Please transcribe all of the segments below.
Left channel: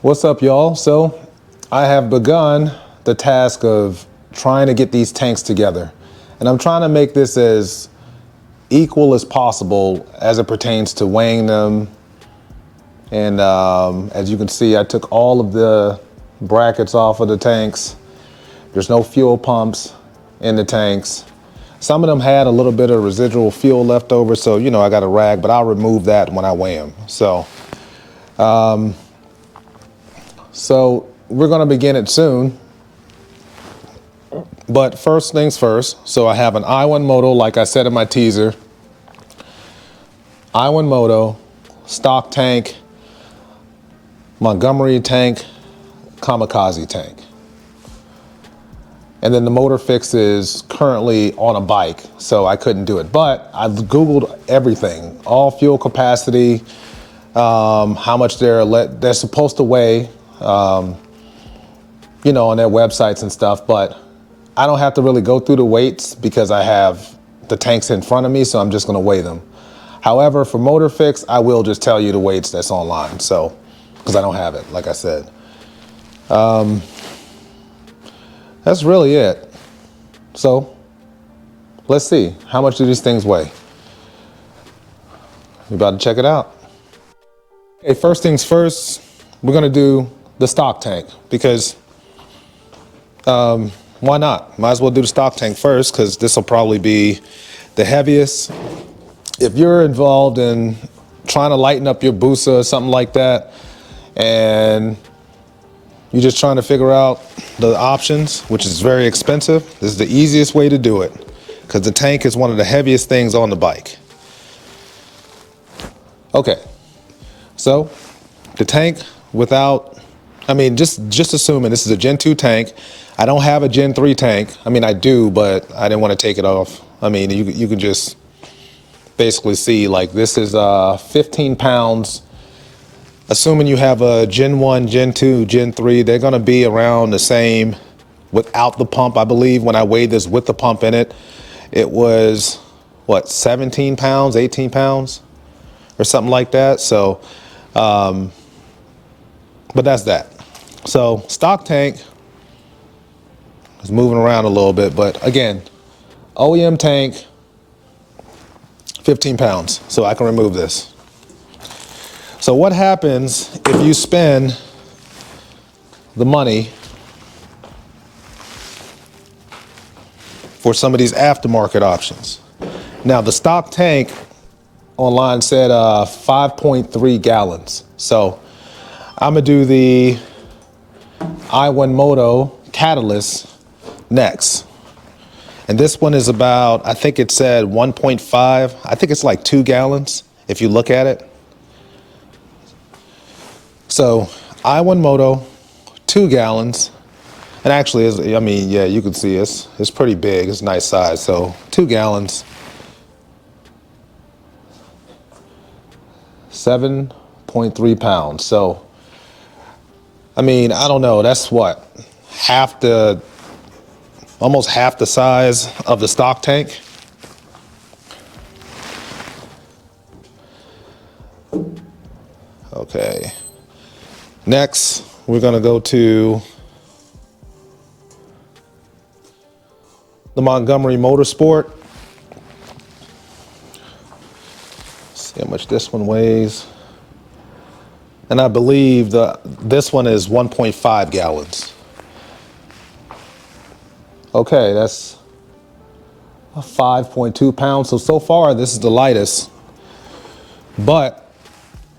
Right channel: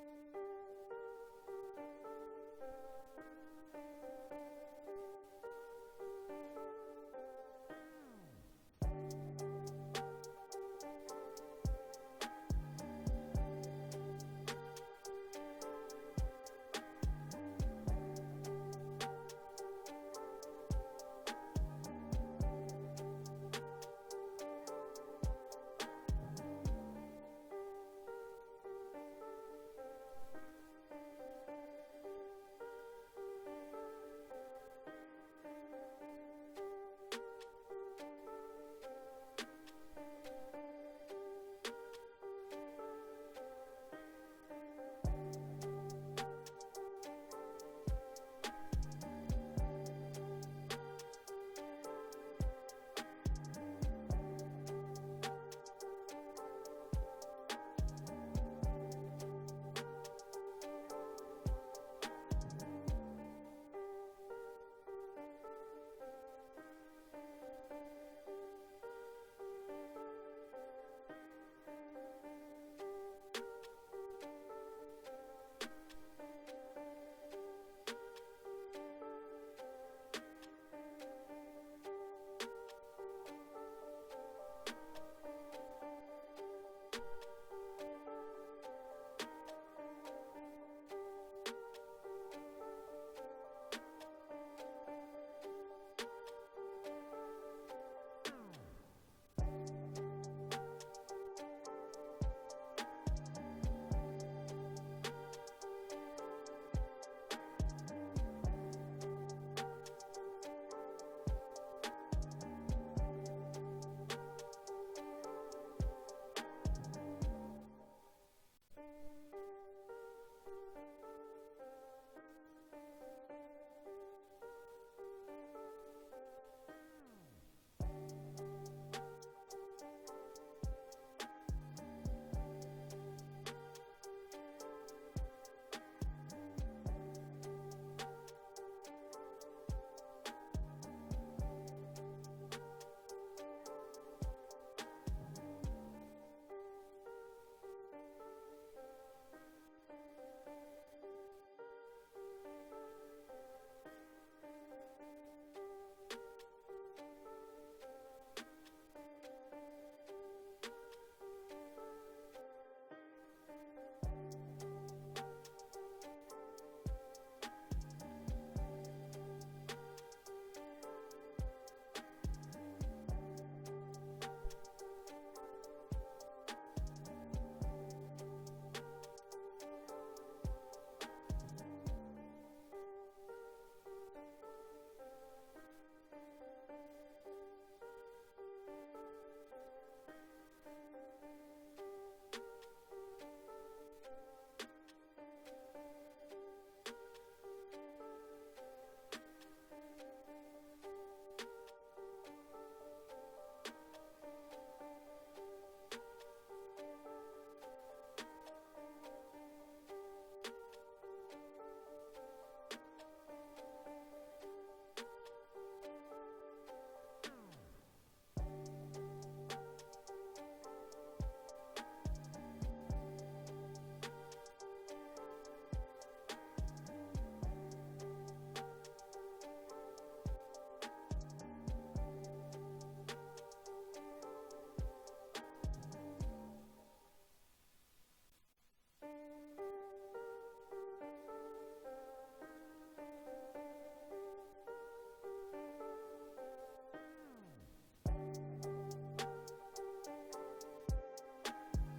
What's up, y'all? So I have begun the task of trying to get these tanks together. And I'm trying to make this as equal as possible as it pertains to weighing them. And as you can see, I took all of the brackets off of the tanks. There's no fuel pumps in the tanks. Some of them had a little bit of residual fuel left over, so I got a rag, but I'll remove that when I weigh them. So we're gonna begin it soon. But first things first, so I have an Ionemoto, like I said in my teaser. Ionemoto, stock tank, Montgomery tank, kamikaze tank. And then the motor fix is currently on a bike, so I couldn't do it. But I've Googled everything, all fuel capacity, how much they're supposed to weigh, on their websites and stuff. But I don't have to really go through the weights because I have the tanks in front of me, so I'm just gonna weigh them. However, for motor fix, I will just tell you the weights that's online, so, because I don't have it, like I said. That's really it. So let's see, how much do these things weigh? You about to check it out? Okay, first things first, we're gonna do the stock tank because why not? Might as well do the stock tank first because this will probably be the heaviest. If you're involved in trying to lighten up your Busa or something like that, and you're just trying to figure out the options, which is very expensive, this is the easiest way to do it because the tank is one of the heaviest things on the bike. Okay, so the tank just assuming this is a Gen 2 tank. I don't have a Gen 3 tank. I do, but I didn't want to take it off. You can just basically see, like, this is 15 pounds. Assuming you have a Gen 1, Gen 2, Gen 3, they're gonna be around the same without the pump. I believe when I weighed this with the pump in it, it was, 17 pounds, 18 pounds, or something like that. So, but that's that. So stock tank is moving around a little bit, but again, OEM tank, 15 pounds, so I can remove this. So what happens if you spend the money for some of these aftermarket options? Now the stock tank online said 5.3 gallons. So I'm gonna do the Ionemoto Catalyst next. And this one is about, I think it said 1.5. I think it's like 2 gallons if you look at it. So Ionemoto, 2 gallons. And actually, you can see it's pretty big. It's a nice size. So 2 gallons, 7.3 pounds. So, I don't know. That's what, almost half the size of the stock tank. Okay. Next, we're gonna go to the Montgomery Motorsport. See how much this one weighs. And I believe this one is 1.5 gallons. Okay, that's 5.2 pounds. So far, this is the lightest, but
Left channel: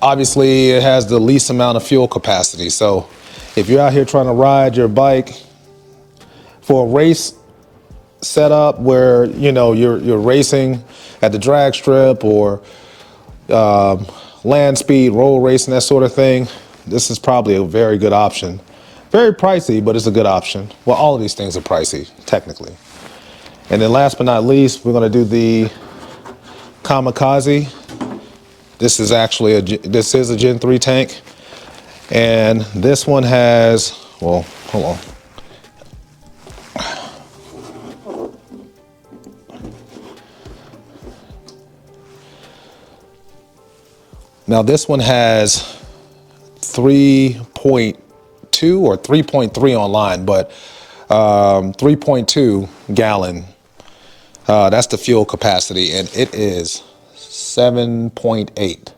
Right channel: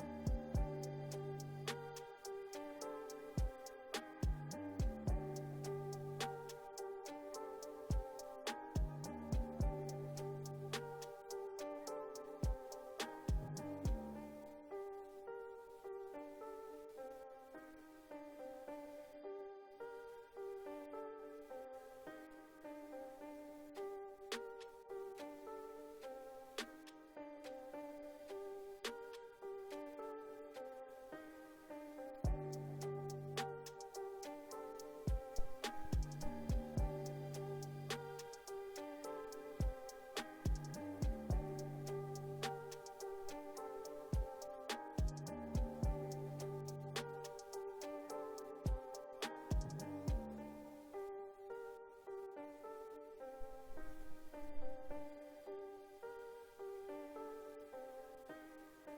obviously it has the least amount of fuel capacity. So if you're out here trying to ride your bike for a race setup where, you're racing at the drag strip or land speed, road racing, that sort of thing, this is probably a very good option. Very pricey, but it's a good option. Well, all of these things are pricey, technically. And then last but not least, we're gonna do the kamikaze. This is actually this is a Gen 3 tank. And this one has, well, hold on. Now this one has 3.2 or 3.3 online, but 3.2 gallon. That's the fuel capacity, and it is 7.8.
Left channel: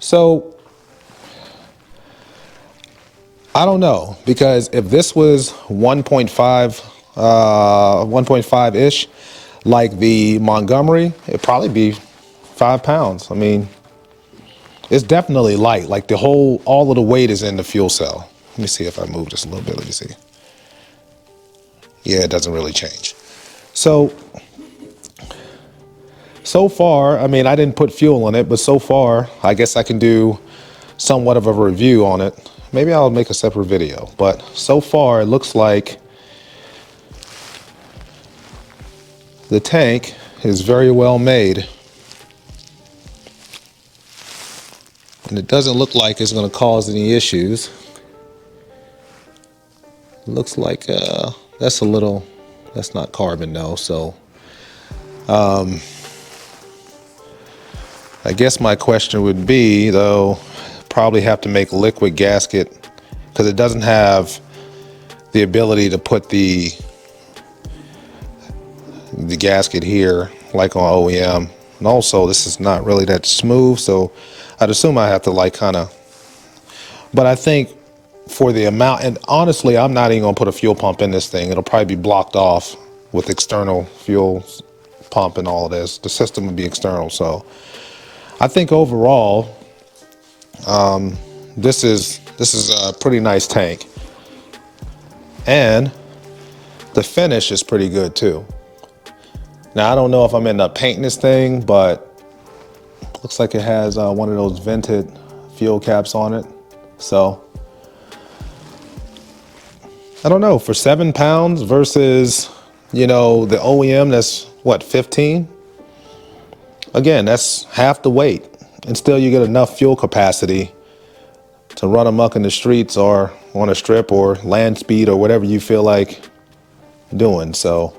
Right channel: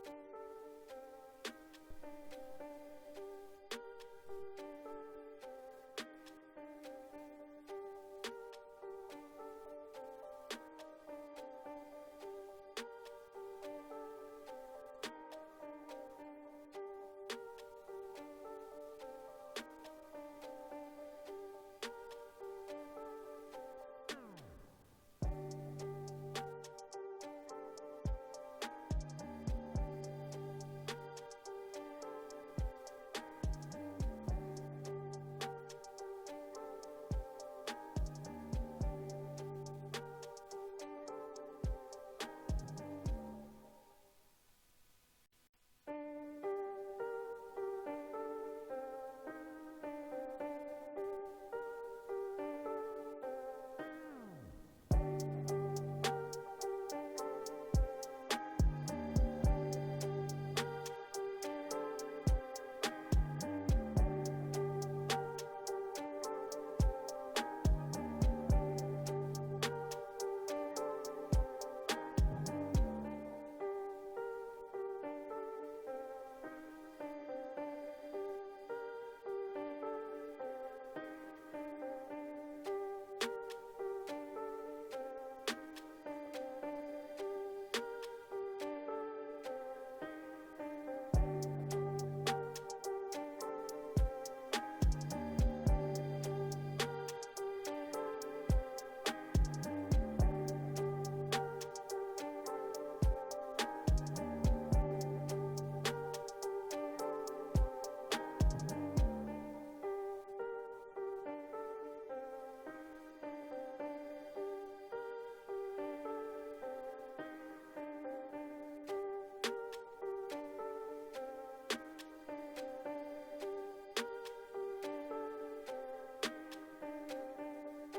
So I don't know, because if this was 1.5-ish, like the Montgomery, it'd probably be 5 pounds. I mean, it's definitely light. Like all of the weight is in the fuel cell. Let me see if I move this a little bit. Let me see. Yeah, it doesn't really change. So far, I mean, I didn't put fuel in it, but so far, I guess I can do somewhat of a review on it. Maybe I'll make a separate video, but so far it looks like the tank is very well made. And it doesn't look like it's going to cause any issues. It looks like that's not carbon though, so I guess my question would be, though, probably have to make a liquid gasket, because it doesn't have the ability to put the gasket here like on OEM. And also, this is not really that smooth, so I'd assume I have to but I think for the amount, and honestly, I'm not even gonna put a fuel pump in this thing. It'll probably be blocked off with external fuel pump and all of this. The system would be external, so I think overall, this is a pretty nice tank, and the finish is pretty good too. Now I don't know if I'm ending up painting this thing, but looks like it has one of those vented fuel caps on it. So I don't know, for 7 pounds versus, the OEM that's what, 15? Again, that's half the weight, and still you get enough fuel capacity to run amok in the streets or on a strip or land speed or whatever you feel like doing. So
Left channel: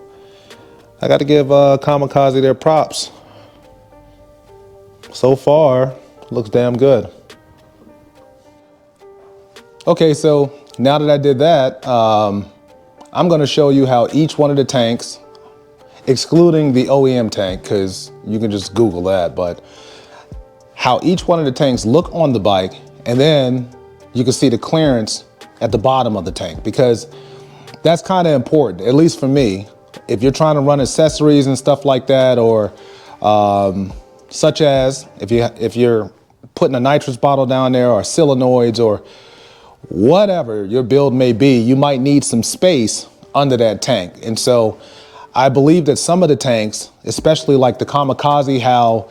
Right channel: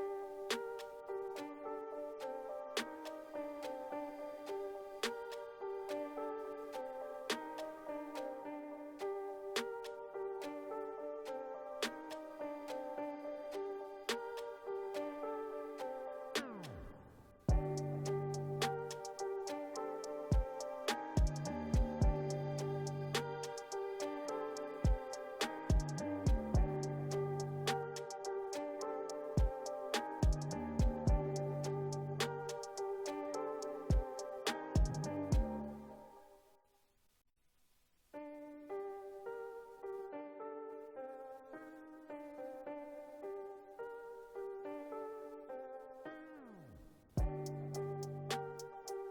I got to give Kamikaze their props. So far, looks damn good. Okay, so now that I did that, I'm going to show you how each one of the tanks, excluding the OEM tank, because you can just Google that, but how each one of the tanks look on the bike, and then you can see the clearance at the bottom of the tank, because that's kind of important, at least for me. If you're trying to run accessories and stuff like that, or such as if you're putting a nitrous bottle down there, or solenoids, or whatever your build may be, you might need some space under that tank. And so I believe that some of the tanks, especially like the Kamikaze, how,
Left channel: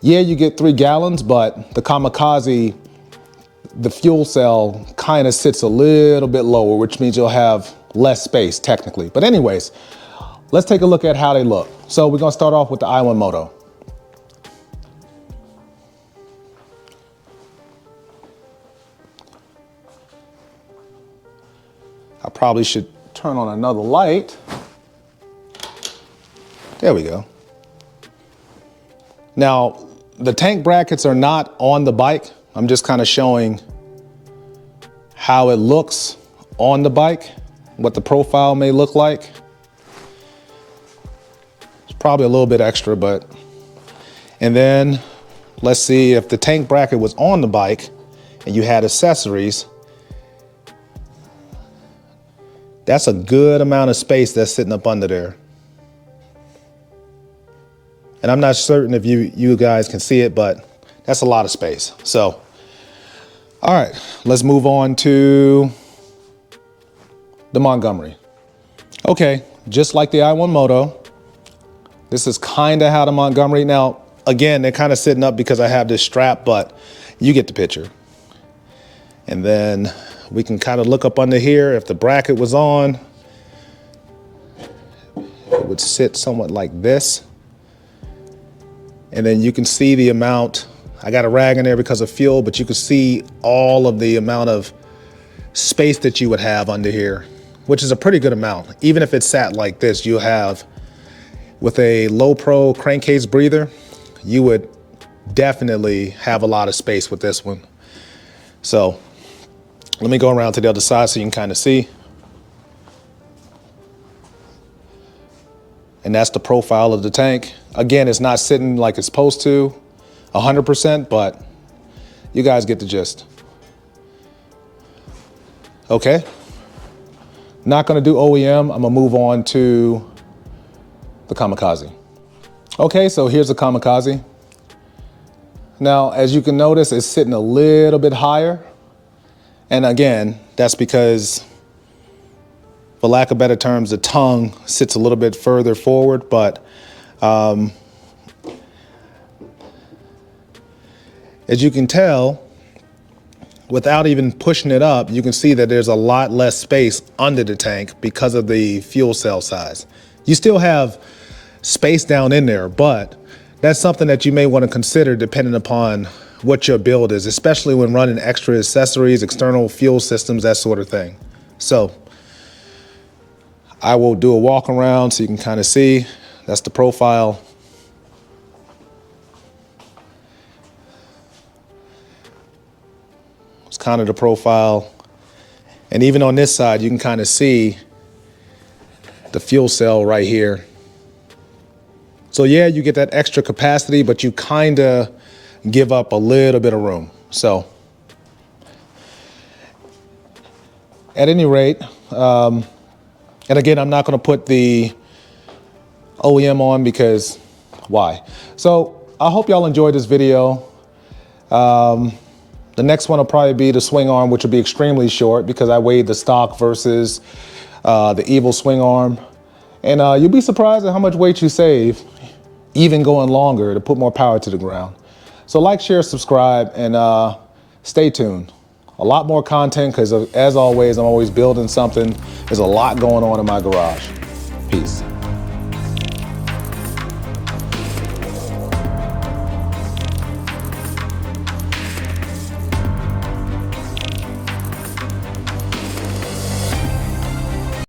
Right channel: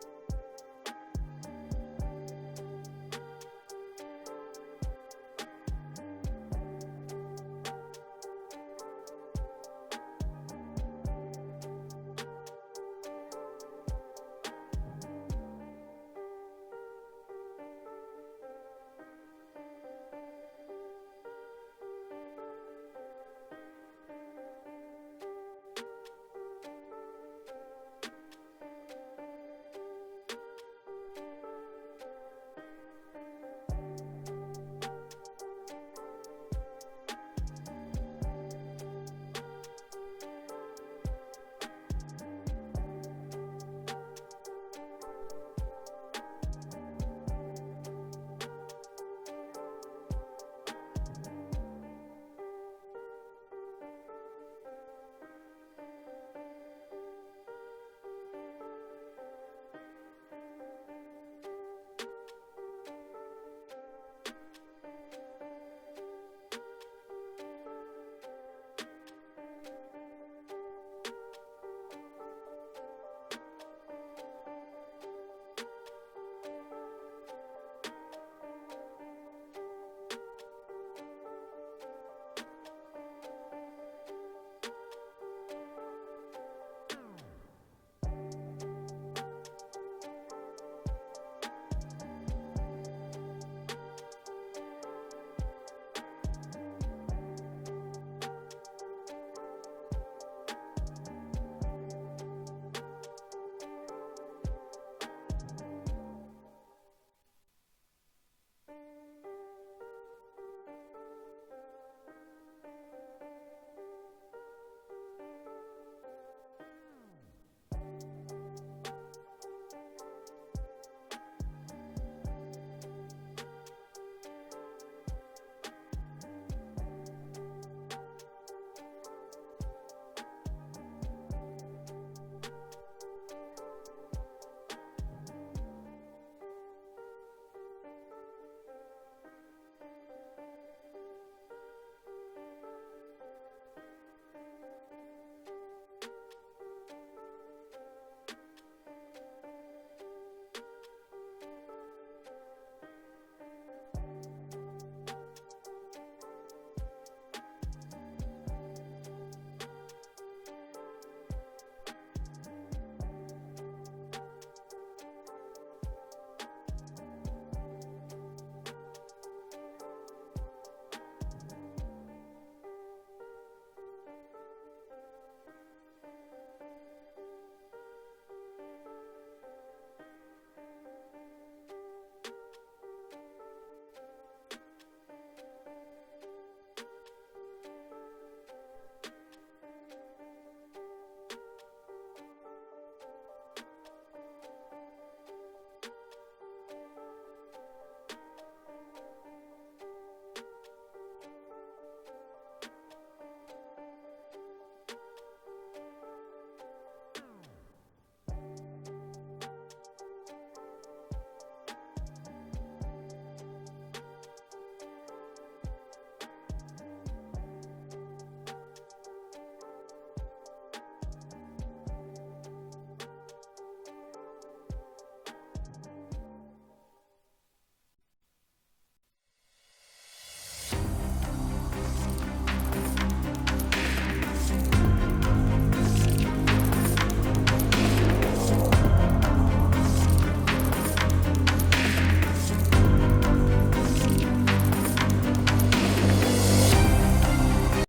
yeah, you get 3 gallons, but the Kamikaze, the fuel cell kind of sits a little bit lower, which means you'll have less space technically. But anyways, let's take a look at how they look. So we're gonna start off with the Ionemoto. I probably should turn on another light. There we go. Now, the tank brackets are not on the bike. I'm just kind of showing how it looks on the bike, what the profile may look like. It's probably a little bit extra, but, and then let's see if the tank bracket was on the bike and you had accessories. That's a good amount of space that's sitting up under there. And I'm not certain if you guys can see it, but that's a lot of space. So, all right, let's move on to the Montgomery. Okay, just like the Ionemoto, this is kind of how the Montgomery, now, again, they're kind of sitting up because I have this strap, but you get the picture. And then we can kind of look up under here. If the bracket was on, it would sit somewhat like this. And then you can see the amount. I got a rag in there because of fuel, but you can see all of the amount of space that you would have under here, which is a pretty good amount. Even if it sat like this, you have, with a low pro crankcase breather, you would definitely have a lot of space with this one. So let me go around to the other side so you can kind of see. And that's the profile of the tank. Again, it's not sitting like it's supposed to 100%, but you guys get the gist. Okay, not gonna do OEM, I'm gonna move on to the Kamikaze. Okay, so here's the Kamikaze. Now, as you can notice, it's sitting a little bit higher. And again, that's because, for lack of better terms, the tongue sits a little bit further forward, but as you can tell, without even pushing it up, you can see that there's a lot less space under the tank because of the fuel cell size. You still have space down in there, but that's something that you may want to consider depending upon what your build is, especially when running extra accessories, external fuel systems, that sort of thing. So I will do a walk around so you can kind of see. That's the profile. It's kind of the profile. And even on this side, you can kind of see the fuel cell right here. So yeah, you get that extra capacity, but you kind of give up a little bit of room. So at any rate, and again, I'm not going to put the OEM on because why? So I hope y'all enjoyed this video. The next one will probably be the swing arm, which will be extremely short because I weighed the stock versus the Evil swing arm. And you'll be surprised at how much weight you save, even going longer to put more power to the ground. So like, share, subscribe, and stay tuned. A lot more content because as always, I'm always building something. There's a lot going on in my garage.